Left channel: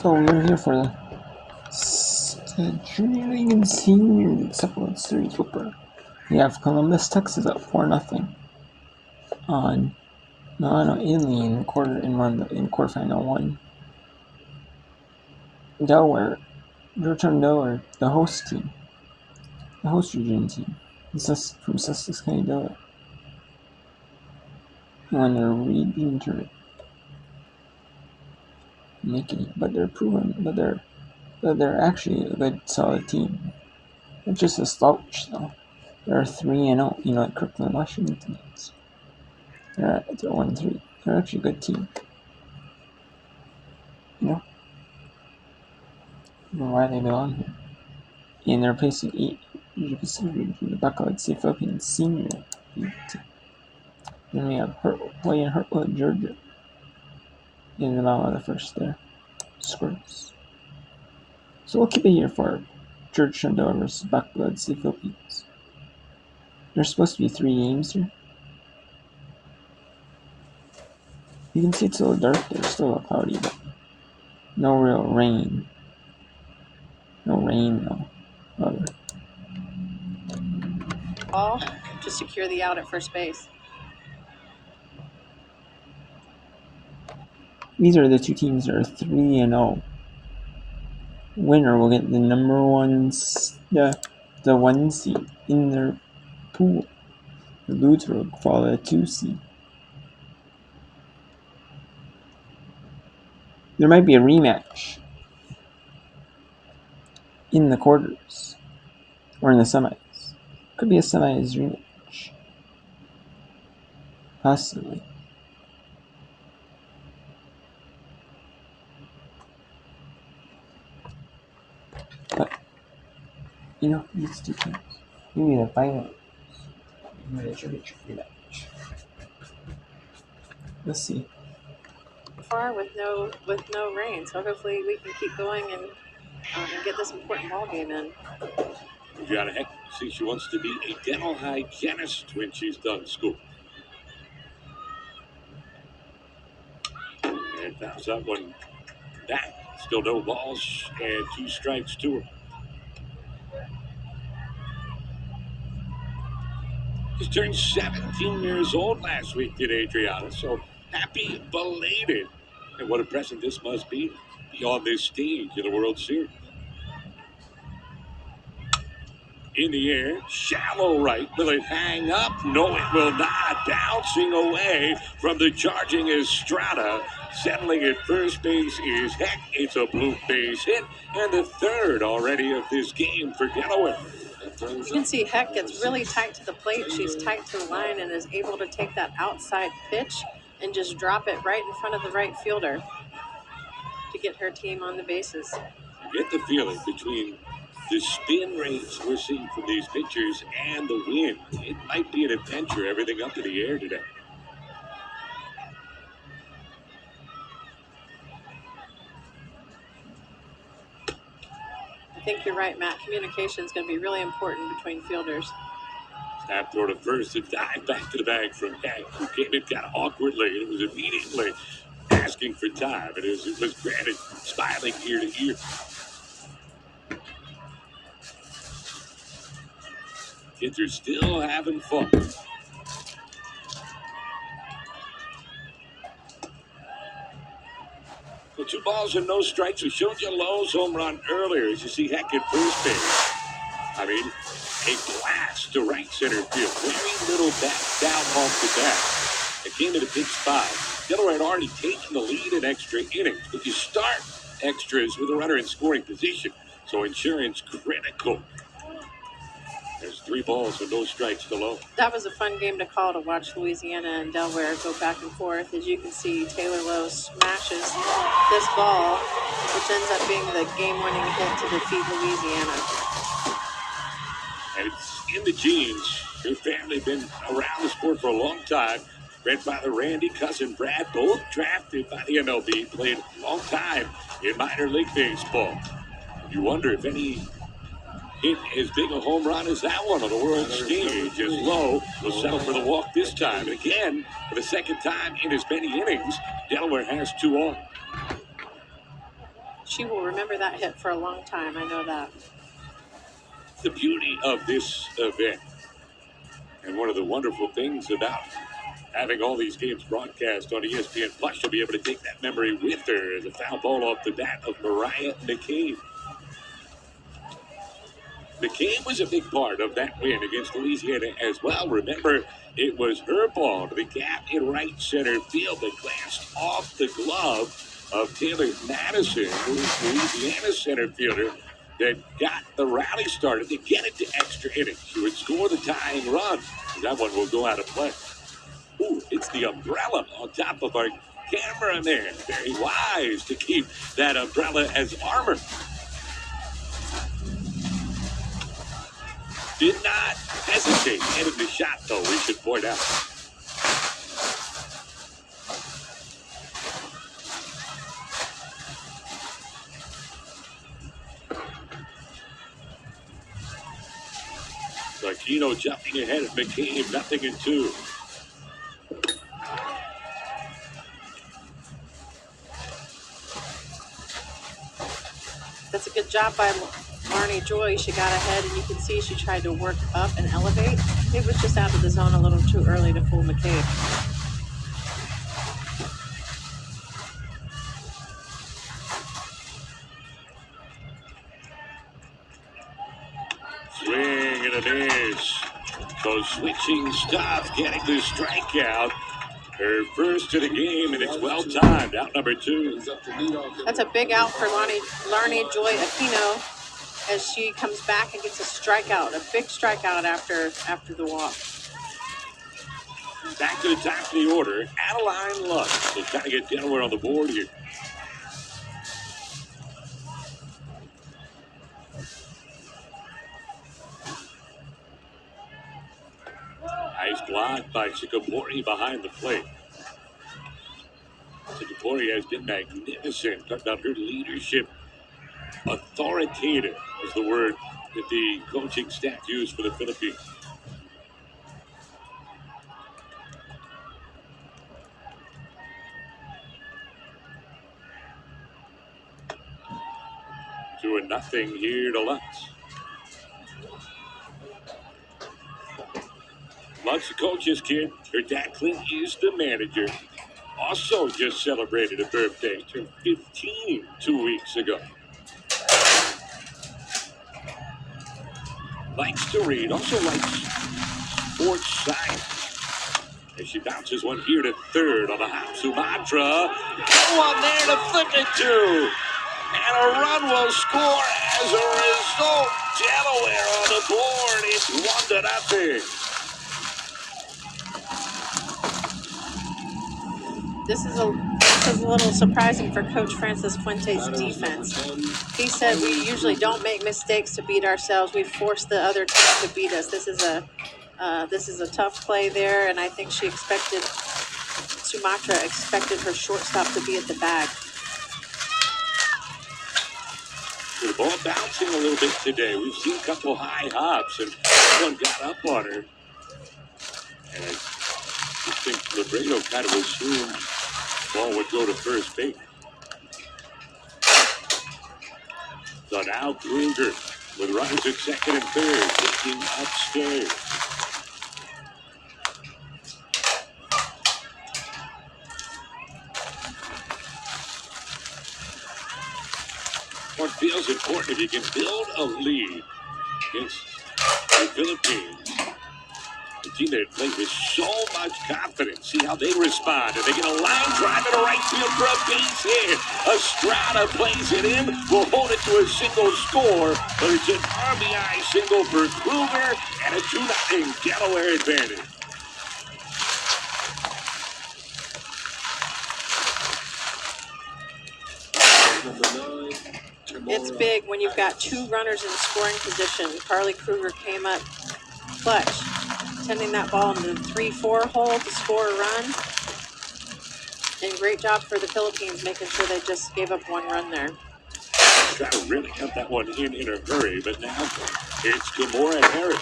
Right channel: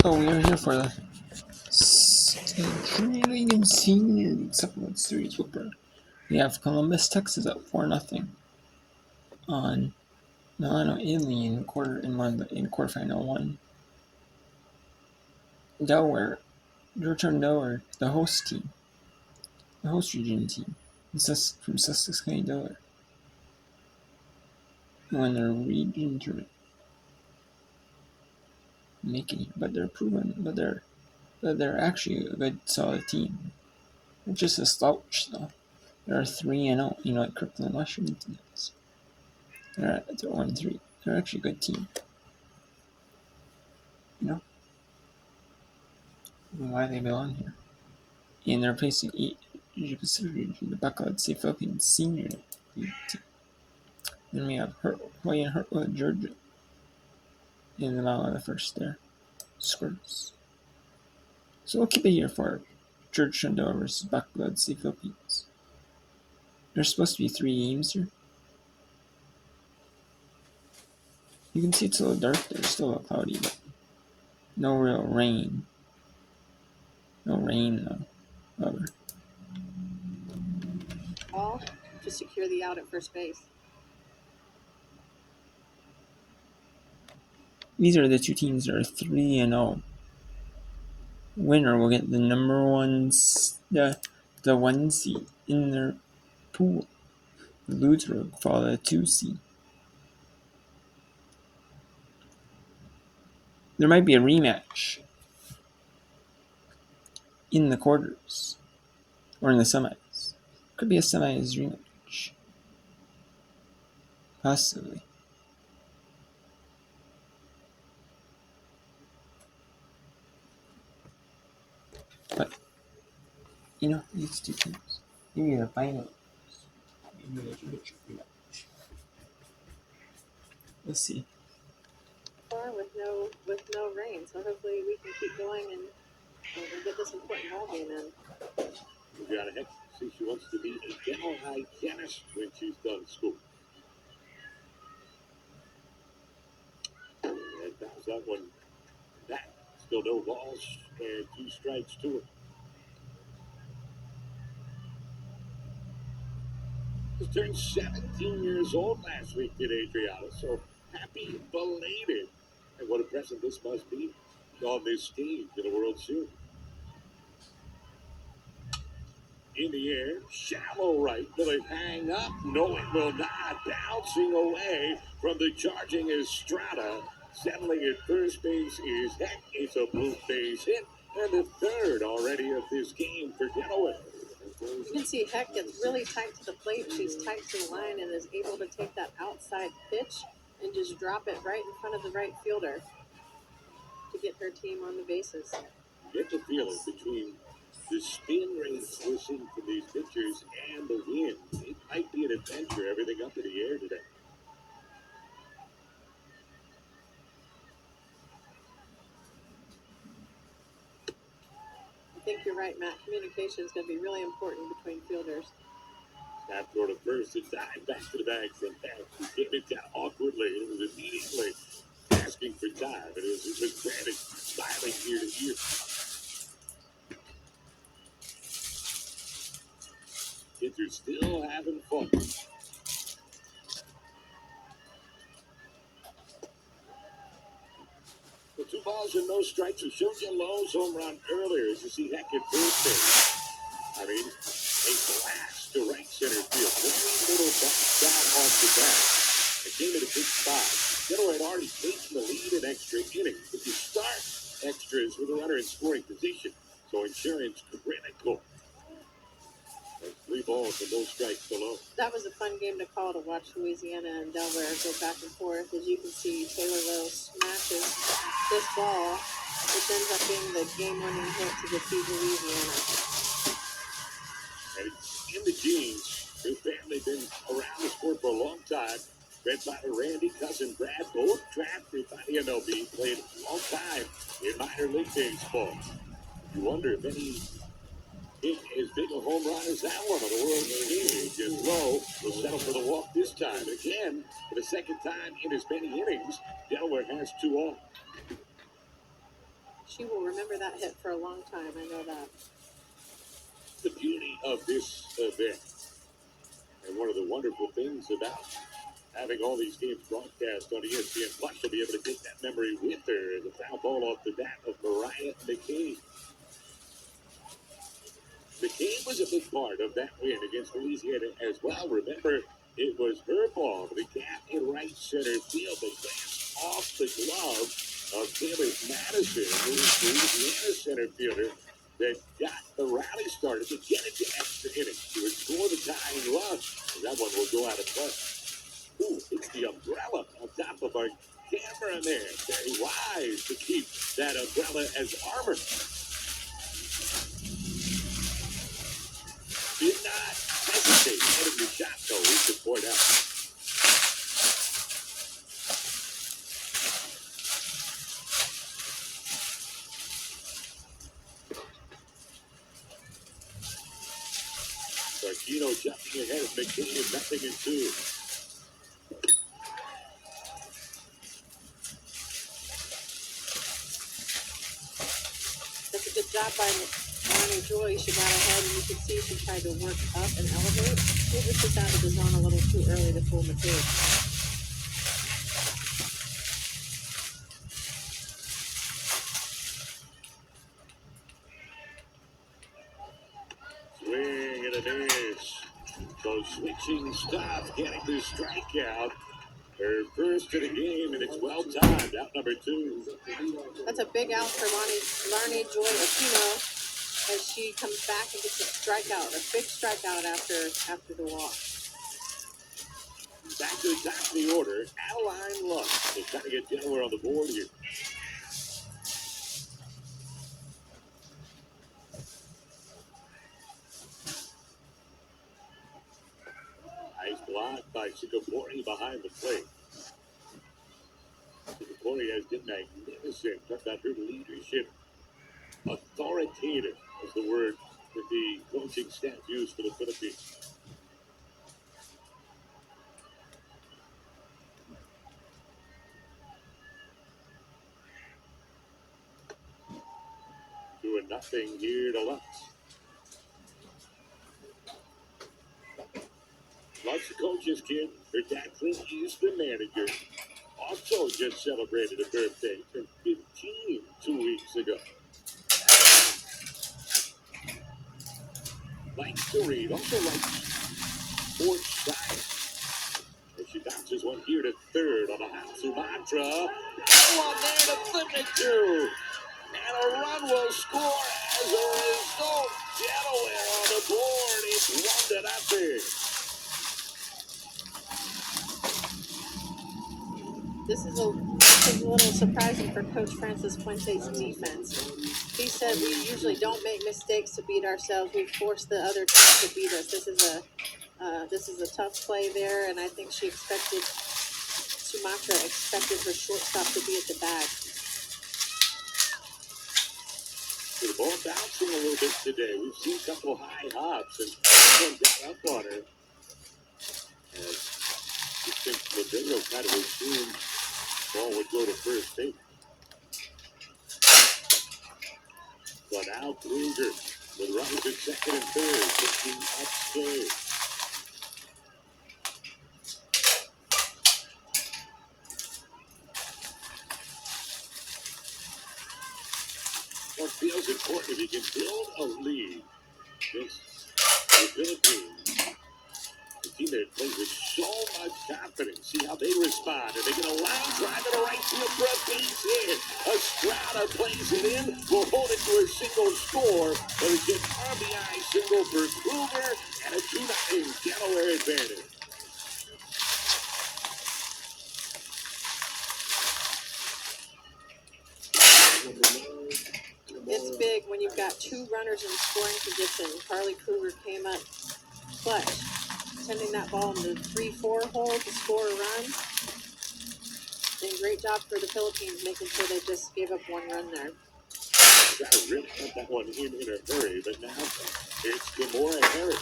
So we're here for the State Junior Senior Supplement Series Whooper. We have Columbus, Texas at 4-0 on Italy in quarterfinal one. Delaware, Georgetown Delaware, the host region team, from Sussex County, Delaware, won their region tournament, making it. But they're actually a good, solid team. They're just a slouch though. They're 3-0, like Kirkland Washington is. They're 1-3. They're actually a good team. I don't know why they belong here. And they're facing Asia Pacific region, the Buckeyes, the Philippines senior team. Then we have Hawaii and Hartwood, Georgia. In the middle of the first there. Scrubs. So we'll keep it here for Georgetown Delaware versus Buckeyes, the Philippines. There's supposed to be 3 games here. You can see it's a little dark there, still a little cloudy, but no real rain. No rain though. Ball to secure the out at first base. These are the two teams that are 3-0. Winner will get the number 1, the 1 seed in their pool. The loser will follow the 2 seed. There might be a rematch in the quarters or in the semis. Could be a semis rematch. Possibly. But, these two teams. Maybe the finals. Maybe the championship rematch. Let's see. Far with no rain, so hopefully we can keep going and get this important ball game in. Adriana Heck says she wants to be a dental hygienist when she's done school. And bounce that one back. Still no balls and 2 strikes to her. Just turned 17 years old last week, did Adriana, so happy belated. And what a present this must be on this stage of the World Series. In the air, shallow right. Will it hang up? No, it will not. Bouncing away from the charging Estrada. Settling at first base is Heck. It's a blue base hit, and the third already of this game for Delaware. You can see Heck gets really tight to the plate. She's tight to the line and is able to take that outside pitch and just drop it right in front of the right fielder to get her team on the bases. You get the feeling between the spin rates we're seeing from these pitchers and the wind. It might be an adventure, everything up in the air today. I think you're right, Matt. Communication is going to be really important between fielders. Snap toward a first and dive back to the bag from Heck, who came in kind of awkwardly. It was immediately asking for time, and as it was granted, smiling ear to ear. Kids are still having fun. Well, 2 balls and no strikes. We showed you Lowe's home run earlier. As you see Heck at first base. I mean, a blast to right center field. Very little back down off the bat. It came at a big spot. Delaware had already taken the lead in extra innings, but you start extras with a runner in scoring position. So insurance critical. There's 3 balls and no strikes to Lowe. That was a fun game to call, to watch Louisiana and Delaware go back and forth. As you can see, Taylor Lowe smashes this ball, which ends up being the game-winning hit to defeat Louisiana. And it's in the genes. Her family been around the sport for a long time. Grandfather Randy, cousin Brad, both drafted by the MLB, played a long time in minor league baseball. You wonder if any hit as big a home run as that one on the world stage, as Lowe will settle for the walk this time. And again, for the second time in as many innings, Delaware has 2 on. She will remember that hit for a long time. I know that. The beauty of this event, and one of the wonderful things about having all these games broadcast on ESPN Plus, you'll be able to take that memory with her as a foul ball off the bat of Mariah McCabe. McCabe was a big part of that win against Louisiana as well. Remember, it was her ball to the gap in right center field that glanced off the glove of Taylor Madison, who is Louisiana center fielder, that got the rally started to get it to extra innings. She would score the tying run. That one will go out of play. Ooh, it's the umbrella on top of our cameraman. Very wise to keep that umbrella as armor. Did not hesitate getting the shot, though, we should point out. Aquino jumping ahead of McCabe, 0-2. That's a good job by Marnie Joy. She got ahead, and you can see she tried to work up and elevate. It was just out of the zone a little too early to fool McCabe. Swing and a miss. So switching stuff, getting the strikeout. Her first of the game, and it's well timed. Out number 2. That's a big out for Larnie Joy Aquino as she comes back and gets a strikeout, a big strikeout after the walk. Back to the top of the order, Adeline Lutz. They try to get Delaware on the board here. Nice block by Chikapori behind the plate. Chikapori has been magnificent. Talk about her leadership. Authoritative is the word that the coaching staff used for the Philippines. Two and nothing here to Lutz. Lutz, the coach's kid. Her dad, Clint, is the manager. Also just celebrated a birthday. Turned 15 2 weeks ago. Likes to read. Also likes sports science. As she bounces one here to third on the hop. Sumatra. No one there to flip it to. And a run will score as a result. Delaware on the board. It's 1-0. This is a little surprising for Coach Francis Fuentes' defense. He said we usually don't make mistakes to beat ourselves. We force the other team to beat us. This is a tough play there, and I think Sumatra expected her shortstop to be at the bag. The ball bouncing a little bit today. We've seen a couple high hops, and one got up on her. And I think Labredo kind of assumed the ball would go to first base. So now Kruger with runners at second and third, looking upstairs. What feels important, if you can build a lead against the Philippines, a team that plays with so much confidence. See how they respond. And they get a line drive to right field for a base hit. Estrada plays it in. Will hold it to a single score. But it's an RBI single for Kruger and a 2-0 Delaware advantage. It's big when you've got two runners in scoring position. Carly Kruger came up clutch, sending that ball into the 3-4 hole to score a run. And great job for the Philippines, making sure they just gave up one run there. Try to really cut that one in a hurry, but now it's Gamora Harris.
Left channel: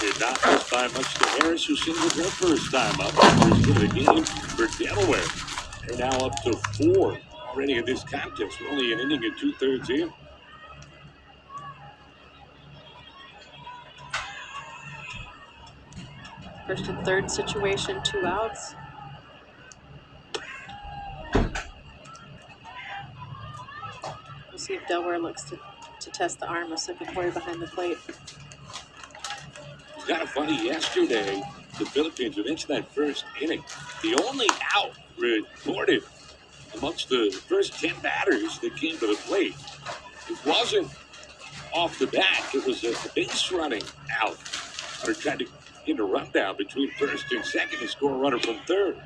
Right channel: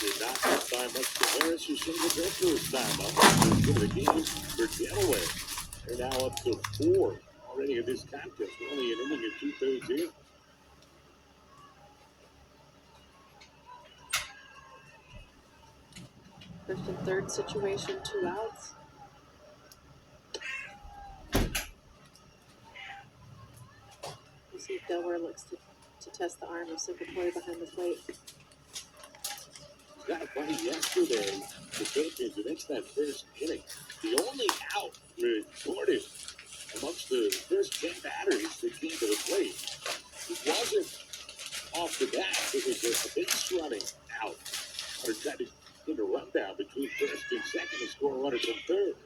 Did not missed by much to Harris, who singled her first time up. First hit of the game for Delaware. They're now up to 4 already in this contest. We're only an inning and 2/3 in. First and third situation, 2 outs. We'll see if Delaware looks to test the arm of Secretary behind the plate. It's kind of funny. Yesterday, the Philippines, went into that first inning. The only out recorded amongst the first 10 batters that came to the plate, it wasn't off the bat. It was a base running out. Or tried to get a rundown between first and second and score a runner from third.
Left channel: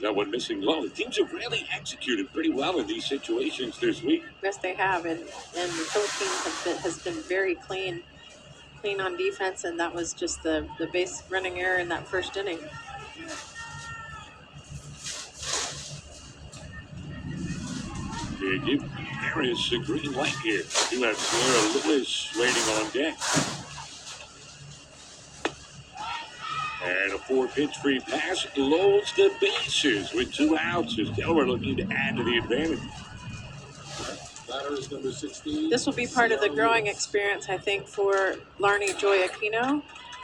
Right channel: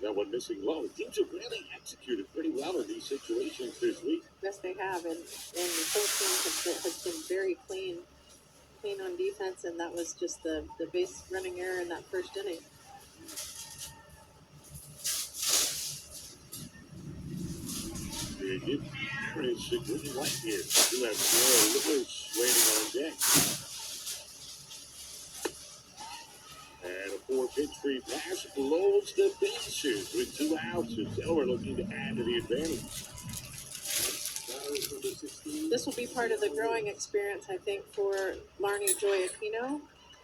That one missing low. The teams have really executed pretty well in these situations this week. Yes, they have, and the Philippines has been very clean on defense, and that was just the base running error in that first inning. They give Harris a green light here. You have Sarah Lewis waiting on deck. And a 4-pitch free pass loads the bases with 2 outs as Delaware looking to add to the advantage. Batter is number 16. This will be part of the growing experience, I think, for Larnie Joy Aquino,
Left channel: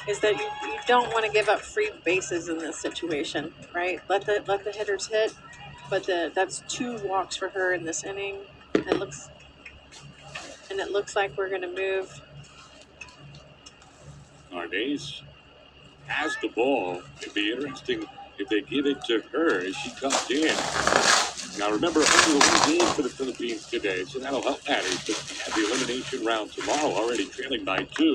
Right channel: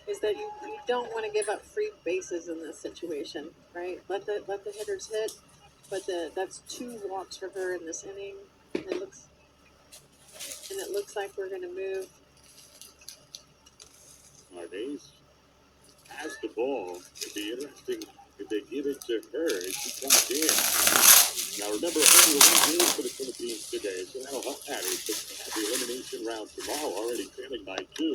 is that you don't want to give up free bases in this situation, right? Let the hitters hit, but that's 2 walks for her in this inning. It looks like we're going to move. Arnaise has the ball. It'd be interesting if they give it to her as she comes in. Now remember, only 1 game for the Philippines today, so that'll help matters. But they have the elimination round tomorrow, already trailing by 2.